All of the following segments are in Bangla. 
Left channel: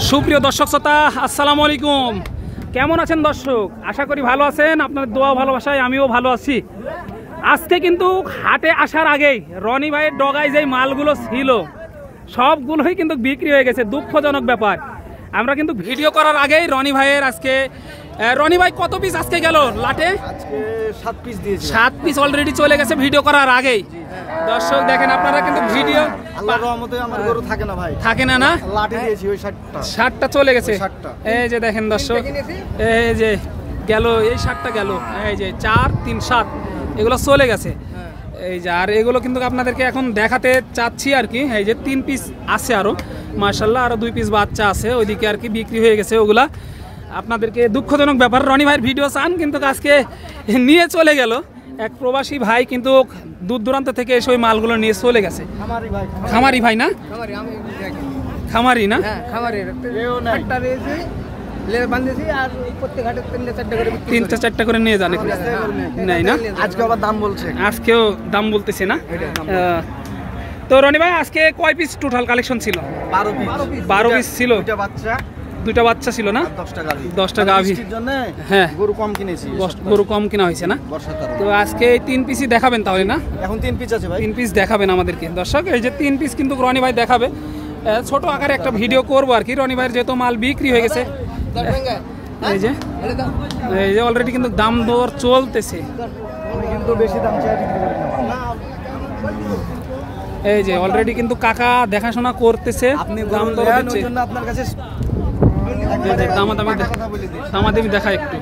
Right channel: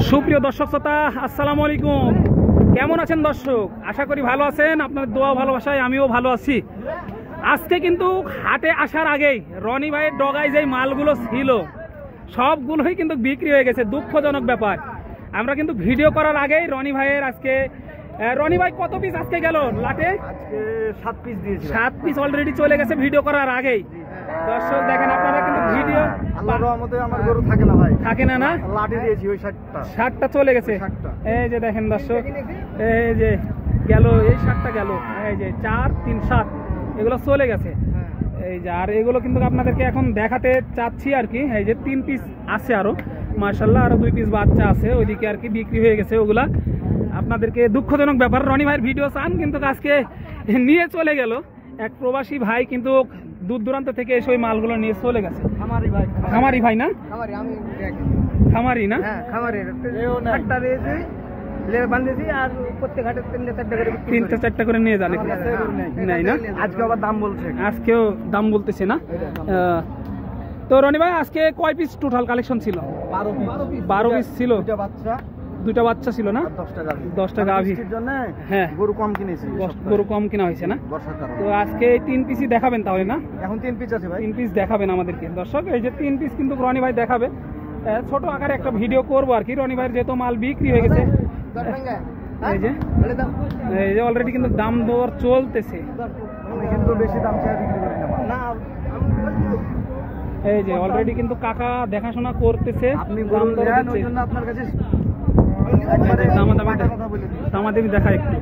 সুপ্রিয় দর্শক শ্রোতা, আসসালামু আলাইকুম। কেমন আছেন দর্শক? আশা করি ভালো আছেন। আপনাদের দোয়া ভালোবাসায় আমিও ভালো আছি। আজকে কিন্তু হাটে আসার আগেই রনি ভাইয়ের ডগায় যে মালগুলো ছিল সবগুলোই কিন্তু বিক্রি হয়ে গেছে। দুঃখজনক ব্যাপার। আমরা কিন্তু ভিডিও করার আগেই রনি ভাইয়ের আজকে রনি ভাই কত পিস আজকে গেল লাটে? আজকে 7 পিস দিয়েছি। 7 পিস অলরেডি চলে গেছে ভিডিও করার আগেই। দর্শক দেখেন, আপনারা কিন্তু ভিডিও আল্লাহর রহমতে আমার গরু থাকে না ভাই, থাকে না লাটে দিয়েছি ওই 7টা। 7টা চলে গেছে। 7টা। এই যে দেখেন দর্শক, এই যে গেল, এই 7টা গেল, এই যে 4 3 7 এগুলো চলে গেছে। এই যে আর এগুলো কিন্তু আপনাদেরকে এখন দেখাতে চাচ্ছি আর কি। এই যে 3 পিস আছে আরো, মাশাআল্লাহ, আরো 2 পিস বাচ্চা আছে ওইদিকে আর কি, বিক্রি হয়ে গেছে ওগুলা। আপনাদেরকে দুঃখজনক ব্যাপার, রনি ভাইয়ের ভিডিও চান কিন্তু আজকে নিয়ে চলে গেল এক প্রবাসী ভাই, কিন্তু দূর দূরান্ত থেকে এসে ওই মালগুলো নিয়ে চলে গেছে। খামারি ভাই না? খামারি না? খামারি একটা রয়েছে বান্ধেছি, আর প্রত্যেক হাটে 3টা 4টা করে নিয়ে যান নাই না? আজকে আবার দাম বলছে, আজকেও দাম বলতেছে না। তো রনি ভাই আজকে কয় পিস টোটাল কালেকশন ছিল? 12 পিস ছিল। দুইটা বাচ্চা ছিল না? 10টা গাভী। হ্যাঁ, গরু কম কিনেছি, গরু কম কিনা হয়েছে না? তো আজকে এই 3 পিসই দেখাবেন তাহলে না? এখন 3 পিস আছে ভাই। 3 পিস দেখাবেন আমাদেরকে দর্শক। এই যে 3 পিস কিন্তু রনি ভাই দেখাবে। ছোট আকারে একটা ভিডিও করবো আর কি। রনি ভাইয়ের যেহেতু মাল বিক্রি হয়ে গেছে, এই যে অলরেডি কিন্তু দাম দর চলতেছে। এই যে অলরেডি কিন্তু কাকা দেখাশোনা করতেছে, দাম দর হচ্ছে। দামাদামি দেখা একটু।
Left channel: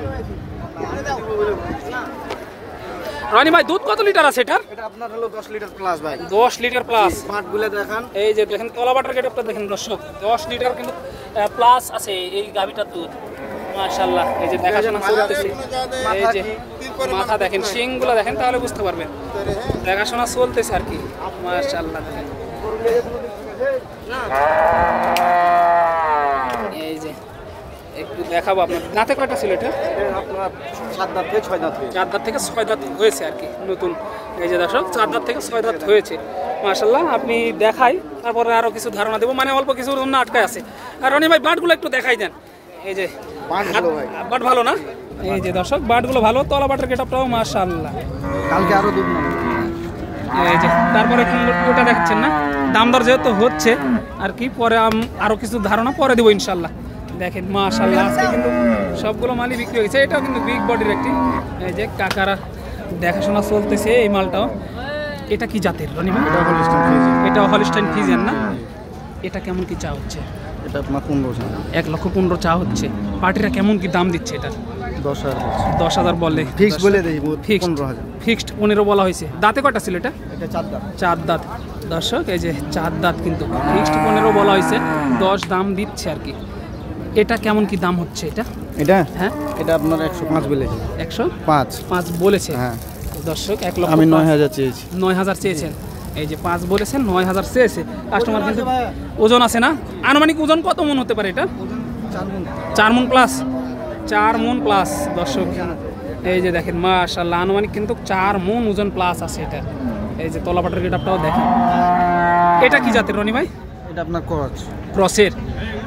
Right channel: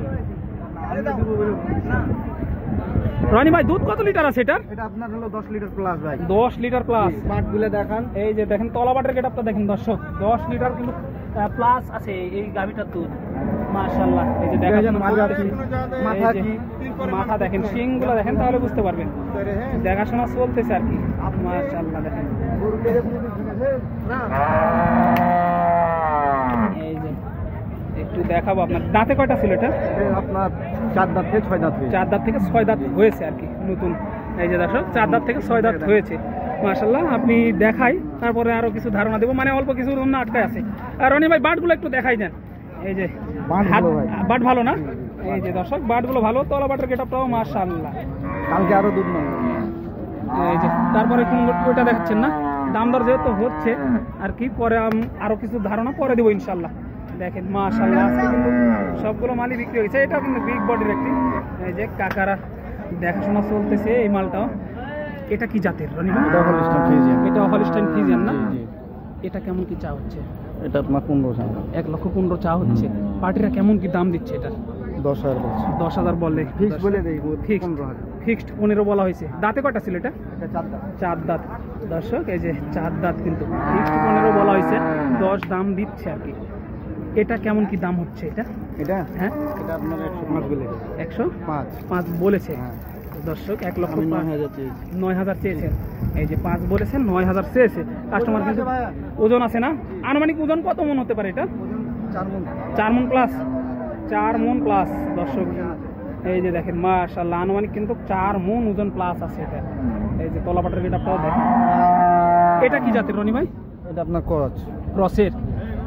রনি ভাই দুধ কত লিটার আছে এটার? এটা আপনার হলো 10 লিটার প্লাস ভাই। 10 লিটার প্লাস। পাটগুলো দেখান। এই যে দেখেন তলাবাটার গেটআপটা দেখেন দর্শক, 10 লিটার কিন্তু প্লাস আছে এই গাভীটার দুধ, মাশাআল্লাহ। এই যে দেখাশোনা চলতেছে। এই যে মাথা দেখেন, শিংগুলো দেখেন, তাহলে বুঝতে পারবেন। দেখাশোনা চলতেছে আর কি, মাশাআল্লাহ। দেখেন এই যে একটু দেখাবো আপনার। দাঁতে কয়টা ছিল এটা? আপনার 4 দাঁত থেকে 6 দাঁত। 4 দাঁত থেকে 6 দাঁত হয়েছে আর কি নতুন। এই যে দর্শক 4 দাঁত থেকে 6 দাঁত হয়েছে, মাশাআল্লাহ। আপনি দেখাই, তারপরে আরো কিছু ধারণা দেবো, মানে অল্প কিছু অন্য আটকায় আছে। আর রনি ভাই বাটগুলো একটু দেখাই দেন। এই যে বাট ভালো না? এই যে দর্শক বাটগুলো ভালো, তলা বাটের গেটআপটাও মাশাআল্লাহ। কালকে আরো দুধ নেই। এই যে তারপরে কোন ওটা দেখাচ্ছেন না? দাম দর যেহেতু হচ্ছে আর কি, পরে আরো কিছু ধারণা পরে দেবো ইনশাল্লাহ। দেখেন মাশাআল্লাহ, আজকে কিন্তু সবগুলো মালই বিক্রি হয়ে গেছে। এটাও কিন্তু বিগ বডির একটি। এই যে কাকারা দেখাশোনা চলতেছে এই মালটাও। এটা কি জাতের রনি ভাই? এটা হলিস্টাইন ফ্রিজিয়ান না? এটা কেমন কি চা হচ্ছে? এটা আপনার 15 চা। 1,15,000 চা হচ্ছে। পার্টিরা কেমন কি দাম দিচ্ছে এটা? 10,000 বলে। ফিক্স বলে দেই, ফিক্সড 15 বলা হয়েছে। দাঁতে কয়টা ছিল এটা? 4 দাঁত দর্শক। এই যে 4 দাঁত কিন্তু ফিক্সড 15 বলা হয়েছে, 10 দাম দিচ্ছে আর কি। এটা কেমন কি দাম হচ্ছে এটা? হ্যাঁ, এটা আপনার 105 বলেছে। 105 বলেছে। হ্যাঁ দর্শক, 1 লক্ষ। আমি 9,000 চেয়েছি। 9,000 চেয়েছেন। এই যে 5 বলেছেন, 9,000 চেয়েছে কাস্টমার। কিন্তু ওজন আছে না? আনুমানিক ওজন কত মন হতে পারে এটা? 4 মন প্লাস। 4 মন প্লাস দর্শক। এই যে দেখেন মাশাআল্লাহ, আনুমানিক কিন্তু 4 মন ওজন প্লাস আছে এটা। এই যে তলাপাটার গেটআপটাও দেখেন। এটা কি জাতের রনি ভাই? এটা আপনার ক্রসের।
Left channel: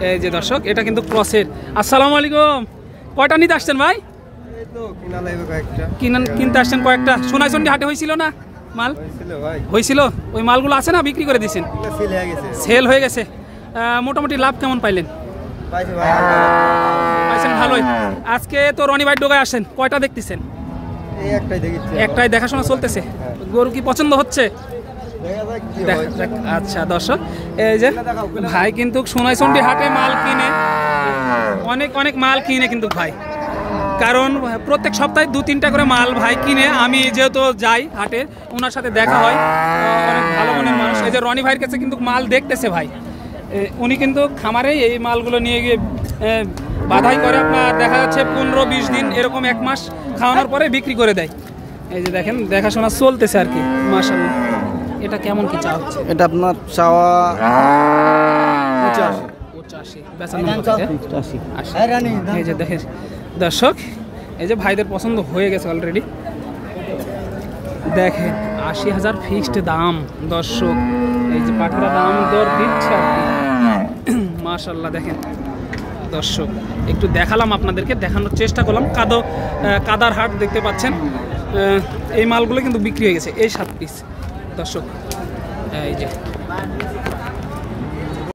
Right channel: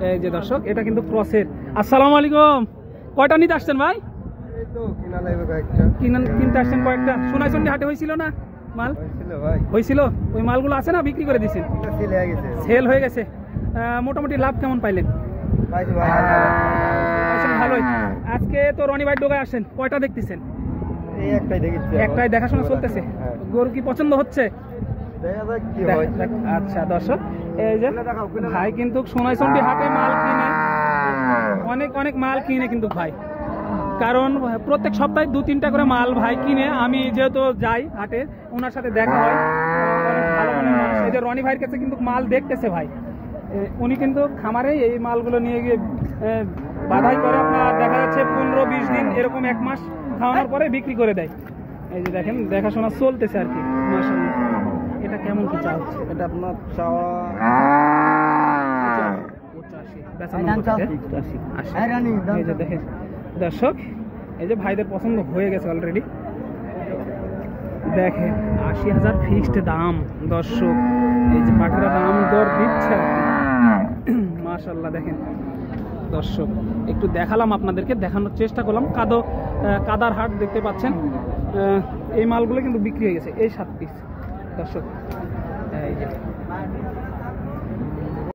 এই যে দর্শক, এটা কিন্তু ক্রসের। আসসালামু আলাইকুম। কয়টা নিতে আসছেন ভাই? এই তো কিনা লাগবে কয়েকটা। কিনতে আসছেন কয়েকটা। সোনাইচন্ডি হাটে হয়েছিল না মাল? হয়েছিল। ওই মালগুলো আছে না, বিক্রি করে দিয়েছেন? সেল হয়ে গেছে। মোটামুটি লাভ কেমন পাইলেন? পাইছেন ভালোই। আজকে তো রনি ভাই ডোগায় আসেন, কয়টা দেখতেছেন? একটাই দেখাশোনা চলতেছে। গরু কি পছন্দ হচ্ছে? আচ্ছা দর্শক, এই যে ভাই কিন্তু সোনাইচন্ডি হাটে মাল কিনে, অনেক মাল কিনে কিন্তু ভাই, কারণ প্রত্যেক সপ্তাহে 2-3টা করে মাল ভাই কিনে। আমি যেহেতু যাই হাটে, ওনার সাথে দেখা হয়, অনেক ভালো মনের মানুষ। এই যে রনি ভাইয়ের কাছে কিন্তু মাল দেখতেছে ভাই, উনি কিন্তু খামারে এই মালগুলো নিয়ে গিয়ে বাধাই করে। আপনার দেখা যাচ্ছে 15-20 দিন, এরকম 1 মাস খাওয়ানোর পরে বিক্রি করে দেয়। এই যে দেখেন দেখাশোনা চলতেছে আর কি, মাশাআল্লাহ। এটা কেমন কি চা হচ্ছে? এটা আপনার চাওয়া 85, বেচানোর কথা 80। এই যে দেখেন দর্শক, এই যে ভাইদের পছন্দ হয়ে গেছে অলরেডি। দেখেন 80,000 ফিক্সড দাম দর্শক। এই যে পাঠারা দাম দর দিচ্ছে আর কি, মাশাআল্লাহ দেখেন দর্শক, একটু দেখালাম আপনাদেরকে, দেখানোর চেষ্টা করলাম। কাদার হাট দেখতে পাচ্ছেন, এই মালগুলো কিন্তু বিক্রি হয়ে গেছে। এই 7 পিস দর্শক, এই যে